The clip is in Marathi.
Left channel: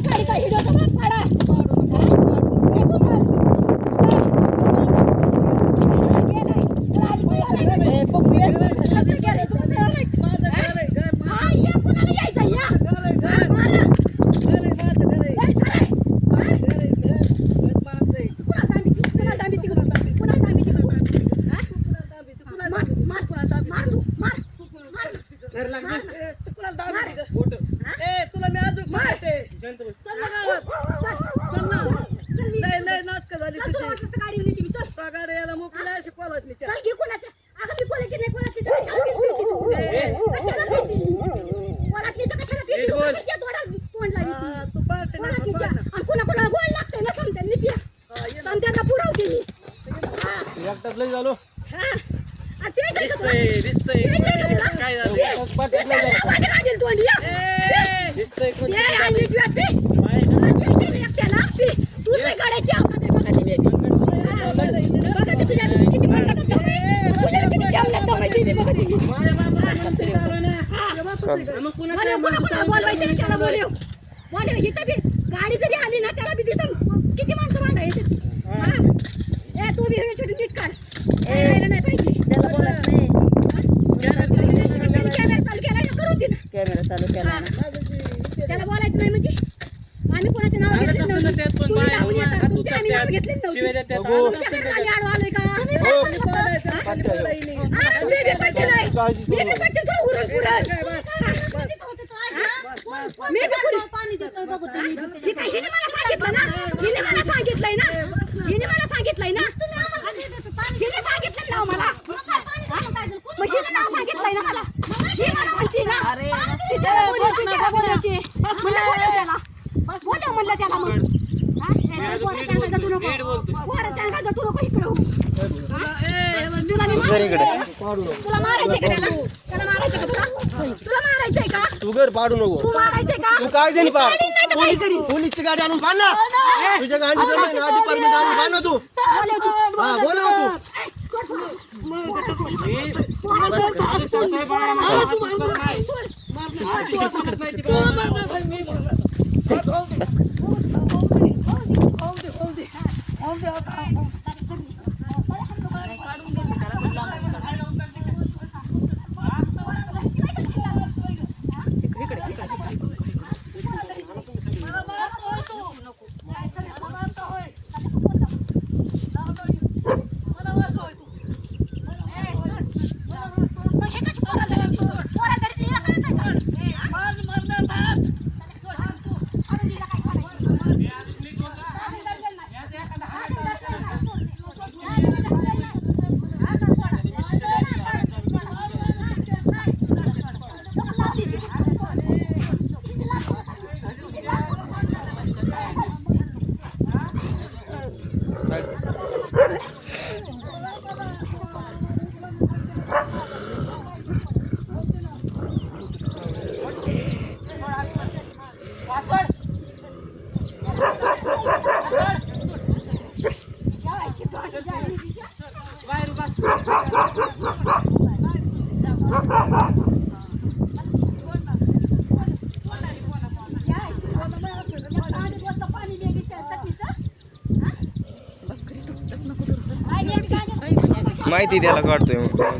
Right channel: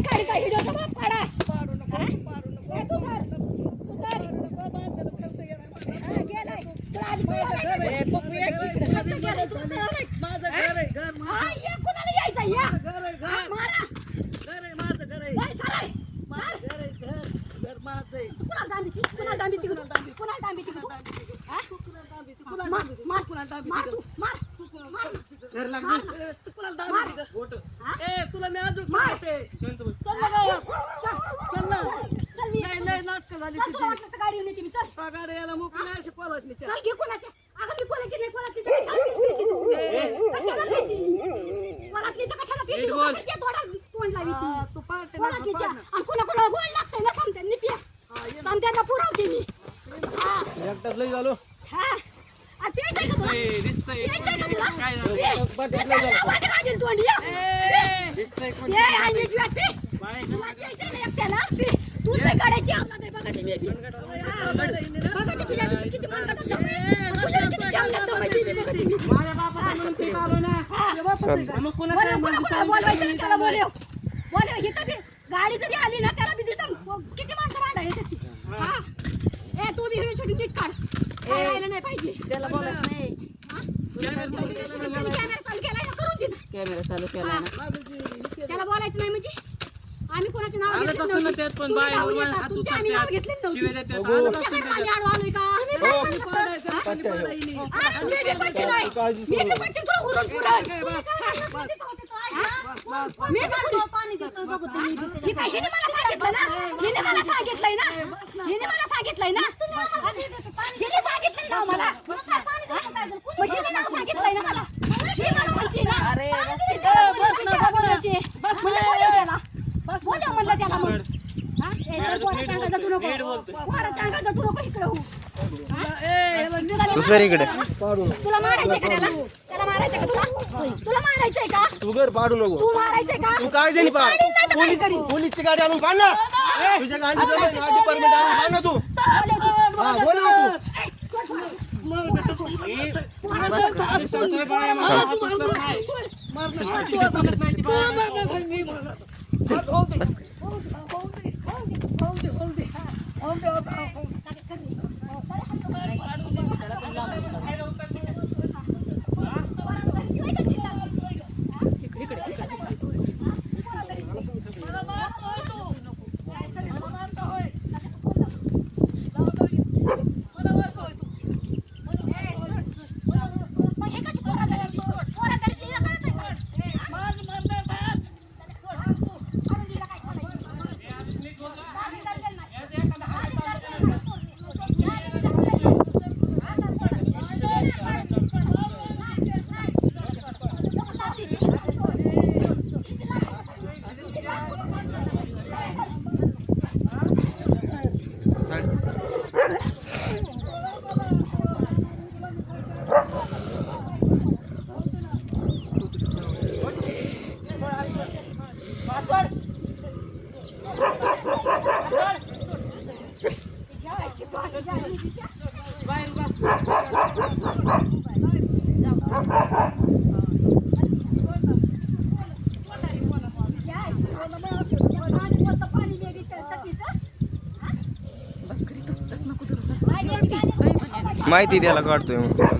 काय काढी काय व्हिडिओचा बाप काढा तुला मी अजून मारते चल ना गावात चल ना नाही नाही नाटक झाली तुझी गाडी नेते मी चल गाडी याला मोकळी अशी पळत नाही काय घे कोणाच्या अगं मी कोणाची नाही कोणाची कशाला पेटी कोणाची कशाला पेटी तू थोडा तोंड लावी तू पार्टी आणि कोणा कोणाला गोळ लागतं ना समजा मी पिया समजायला पुरवते मी एकटाच लय झालो हा ते दिसतंय दिसतंय काय झालं पाठीत लय झालं तोंड या दिसतंय कोण ये आणि ज्योती एकट्याला तू नाही काढायची आपण बघा ती बेबी बघा ती तुझ्या किती बघा तुझ्या किती चांगलं दमायची बघा ती माझ्या बापाला म्हणून ते आलो ना मग कोणाला बोलवायचं त्याला बोलव इथं बी गाडी जरी आली ना त्याला बी दिसन किती माणसं भांडायची हा ए तू बी व्हिडिओ शूटिंग नीट काढ राहायला नाही पाहिजे त्याला बोलत नाही कॅमेरा चालू केलाय ना करू दे ना कॅमेरा चालू केला त्याला बोलायचं नाही म्हणजे आम्ही कोणाचे नाव घेतले तसं ना त्यात पण बाय तुमचे आम्ही नाव घेतले शिवाय नव्हते देतात तुमच्याकडे आम्ही आलोय का तुम्ही काळजी करू नका. सांगितलंय ना मला म्हणलं त्याला मग तुला मारायचंय का त्याला मारायचंय का तुला मारायचंय का तू घर पाडू नको तू मारायचंय का तू काय देणी पाड पोलीसची गाडी आणून पाड ना तुझ्या गाडी डिपार्टमेंट आणून पाड ना तू हा बोल ना माहिती त्याला काढतोय तुला